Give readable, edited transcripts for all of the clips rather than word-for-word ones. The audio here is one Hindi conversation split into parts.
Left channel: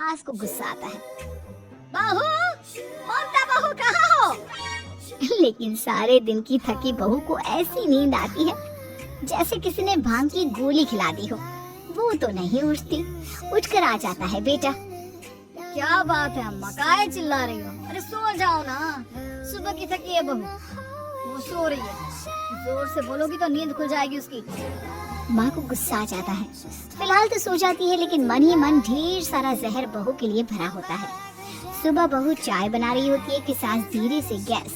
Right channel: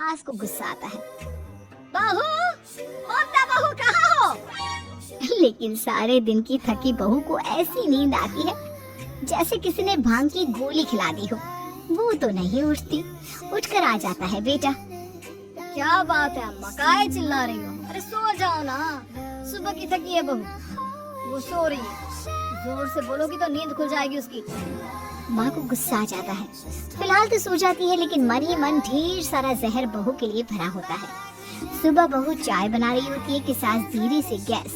सास को गुस्सा आता है। बहू, ममता बहू कहाँ हो? लेकिन सारे दिन की थकी बहू को ऐसी नींद आती है जैसे किसी ने भांग की गोली खिला दी हो। वो तो नहीं उठती। उठकर आ जाता है बेटा। क्या बात है अम्मा, काहे चिल्ला रही हो? अरे सो जाओ ना, सुबह की थकी है बहू। वो सो रही है, जोर से बोलोगी तो नींद खुल जाएगी उसकी। माँ को गुस्सा आ जाता है। फिलहाल तो सो जाती है, लेकिन मन ही मन ढेर सारा जहर बहू के लिए भरा होता है। सुबह बहू चाय बना रही होती है कि सास धीरे से गैस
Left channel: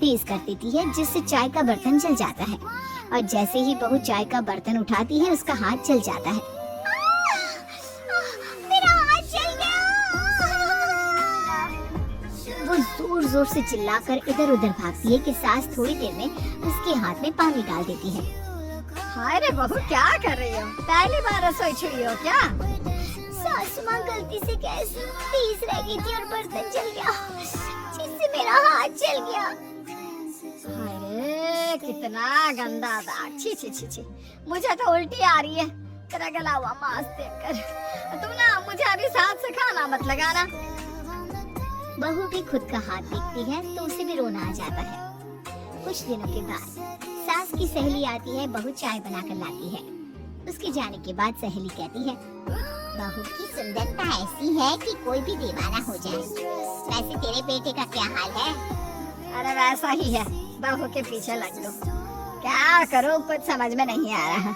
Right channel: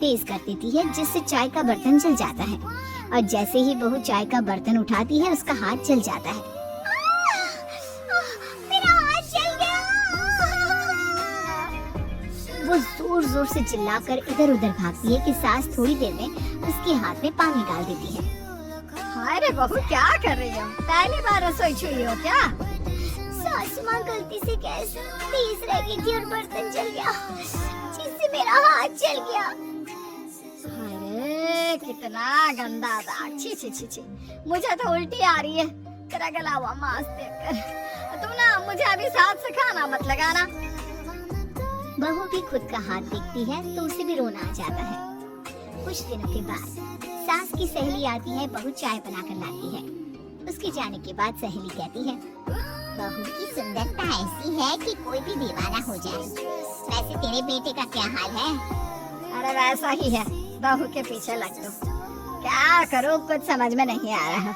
तेज कर देती है, जिससे चाय का बर्तन जल जाता है। और जैसे ही बहू चाय का बर्तन उठाती है, उसका हाथ जल जाता है। मेरा हाथ जल गया। वो जोर जोर से चिल्लाकर इधर उधर भागती है कि सास थोड़ी देर में उसके हाथ में पानी डाल देती है। हाय रे बहू, क्या कर रही हो? पहली बार रसोई छुई हो क्या? सासू माँ गलती से गैस तेज रह गई थी और बर्तन जल गया, जिससे मेरा हाथ जल गया। अरे कितना गंदा दाग, छी छी छी छी, मुझे तो उल्टी आ रही है तेरा गला हुआ मांस देखकर। तुम ना मुझे अभी साथ से खाना मत लगाना। बहू भी खुद का हाथ देखती है तो उसे भी रोना आ जाता है। कुछ दिनों के बाद सास की सहेली आती है, बहू चाय बनाकर लाती है। उसके जाने के बाद सहेली कहती है, बहू की सुंदरता ऐसी है कि कोई भी दीवाना हो जाए। वैसे तेरे बेटे का क्या हाल है? अरे वैसा ही है, बहू के पीछे लग दो। क्या करूं, कुछ समझ में नहीं आ रहा।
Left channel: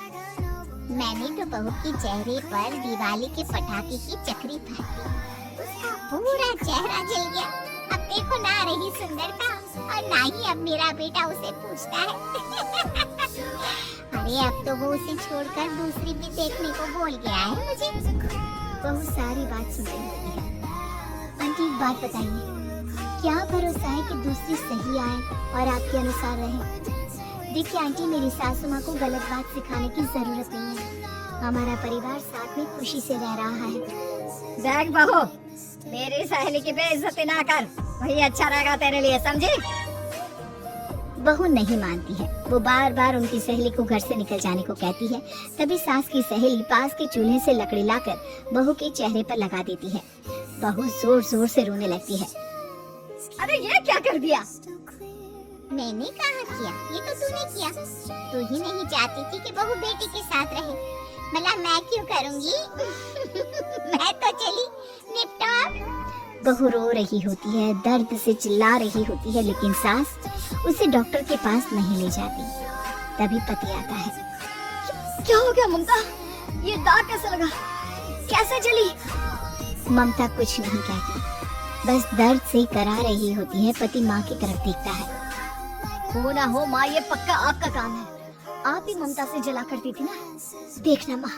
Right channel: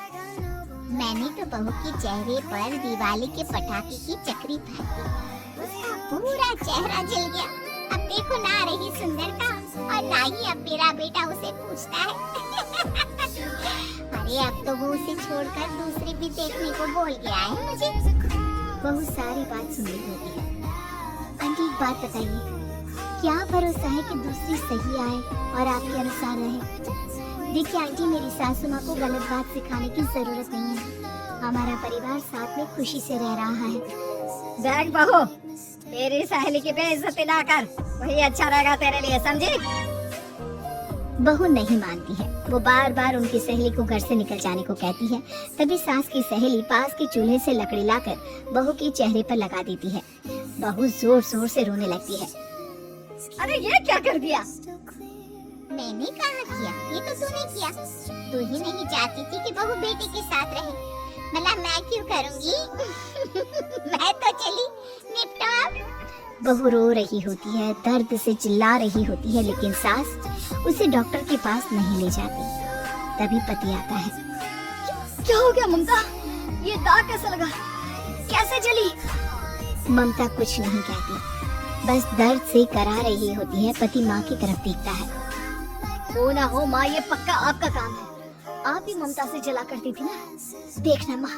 मैंने तो बहू के चेहरे पर दिवाली के पटाखे की चक्री फाड़ी, उसका पूरा चेहरा जल गया। अब देखो ना रही सुंदरता, और ना ही अब मेरा बेटा उसे पूछता है। अरे अब तो वो उसे छोड़कर दूसरी भी देखने को बोल गया है मुझे। बहुत सारी बात सुन रही होती है। आंटी एक बात बताइए, क्या भरोसा है कि दूसरी सही आए और आपके अनुसार रहे? देखिए आंटी, मेरी सासू माँ को गलत बात सिखाने की जरूरत नहीं है। हमारा परिवार साथ में खुशी से रह रहा है। देख बहू, मेरी सहेली की बेइज्जती ना कर, वही अच्छा रहेगा तेरे लिए, समझी? बहू नहीं मानती है। वो बार बार उनकी सहेली को घर से निकल जाने को कहती है। तभी सास की सहेली पास के चूल्हे से लकड़ी लाकर बहू के चेहरे पर लगा देती है। बहू जोर जोर से रोने लगती है। अरे ये क्या कर दिया? मैंने कहा किया, ये तो तूने किया। तू ही नहीं चाहती थी कि बहू बेटी के साथ रहे, भला मैं क्यों करूँगी? मैं तो चली, निपटा। बहू रो रही होती है, दर्द से चिल्ला रही होती है, लेकिन सास उसे डॉक्टर के पास नहीं ले जाती। तभी पति आता है। क्या हो गया ममता? ये दाग कैसे लगा? कैसे जली? ममता कुछ नहीं कहती, बस दर्द से करा रही होती है। पति माँ की तरफ देखता है। हो ना हो माँ, ये पक्का आपका काम है। आप ही ममता से जला करती थी ना। देखना माँ,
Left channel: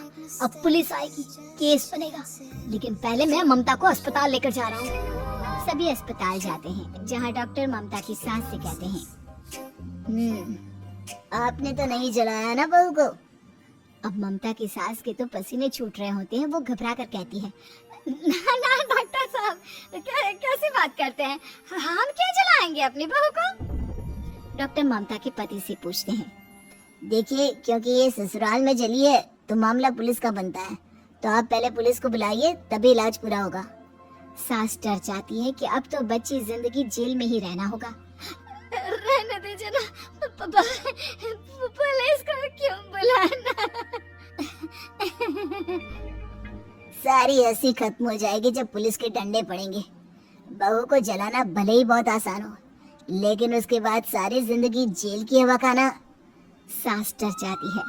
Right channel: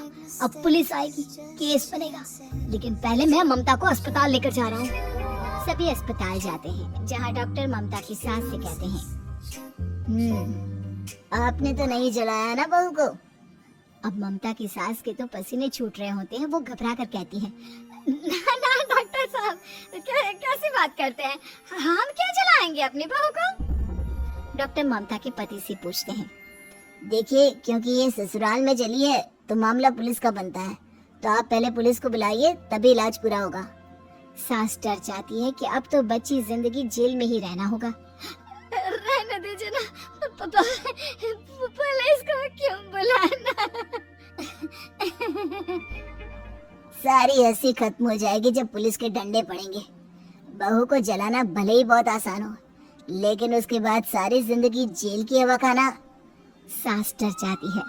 अब पुलिस आएगी, केस बनेगा, लेकिन पहले मैं ममता को अस्पताल लेकर जा रहा हूँ। सभी अस्पताल जाते हैं, जहाँ डॉक्टर ममता की सास से कहते हैं, आपने तो नहीं जलाया ना बहू को? अब ममता की सास के तो पसीने छूट रहे होते हैं। वो घबरा कर कहती है, ना ना डॉक्टर साहब, कैसी बात करते हैं? हम क्या जलाएंगे अपनी बहू को? डॉक्टर ममता के पति से पूछते हैं, देखिए, क्योंकि ये ससुराल में जली है तो मामला पुलिस का बनता है, तो आप पहले पुलिस को बुलाइए, तभी इलाज पूरा होगा। सास डर जाती है कि अब तो बच्ची जिंदगी जेल में ही रहना होगा। रहने दीजिए ना, पुलिस को क्यों बुलाना? सारी हंसी खत्म हो जाएगी जब पुलिस के डंडे पड़ेंगे। बहू को जलाना भले ही बहुत आसान हो, लेकिन उसके बाद सारी जिंदगी जेल की हवा खाना। सास डर जाती है।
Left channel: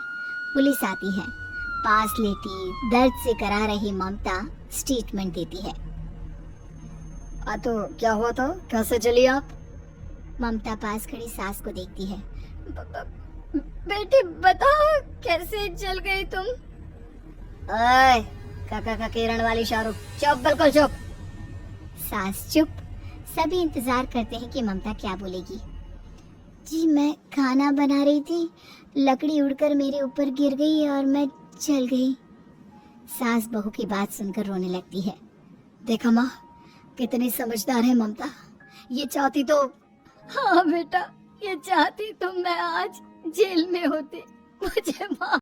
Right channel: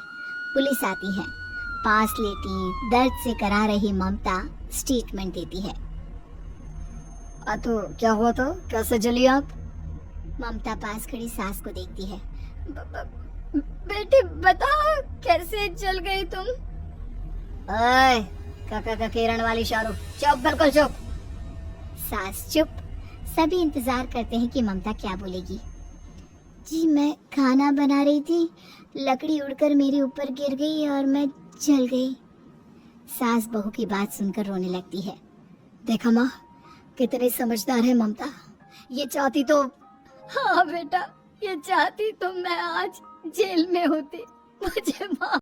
पुलिस आती है, पास लेटी दर्द से करा रही ममता स्टेटमेंट देती है। तो क्या हुआ था, कैसे जली आप? ममता पास खड़ी सास को देखती है। बेटे बताओ, कैसे जल गई तुम? ओए, काका का किरण वाली शाहरुख, चुप, बिल्कुल चुप। सास चुप। सभी इंतजार करते हैं कि ममता क्या बोलेगी। जी मैं खाना बना रही थी, लकड़ी उड़कर मेरे ऊपर गिर गई और मैं जल गई। सास बहू की बात सुनकर रोने लगती है। देखा माँ, कितनी समझदार है ममता। ये चाहती तो, हाँ बेटा, ये चाहती तो मैं आज जेल में होती। मुझे माँ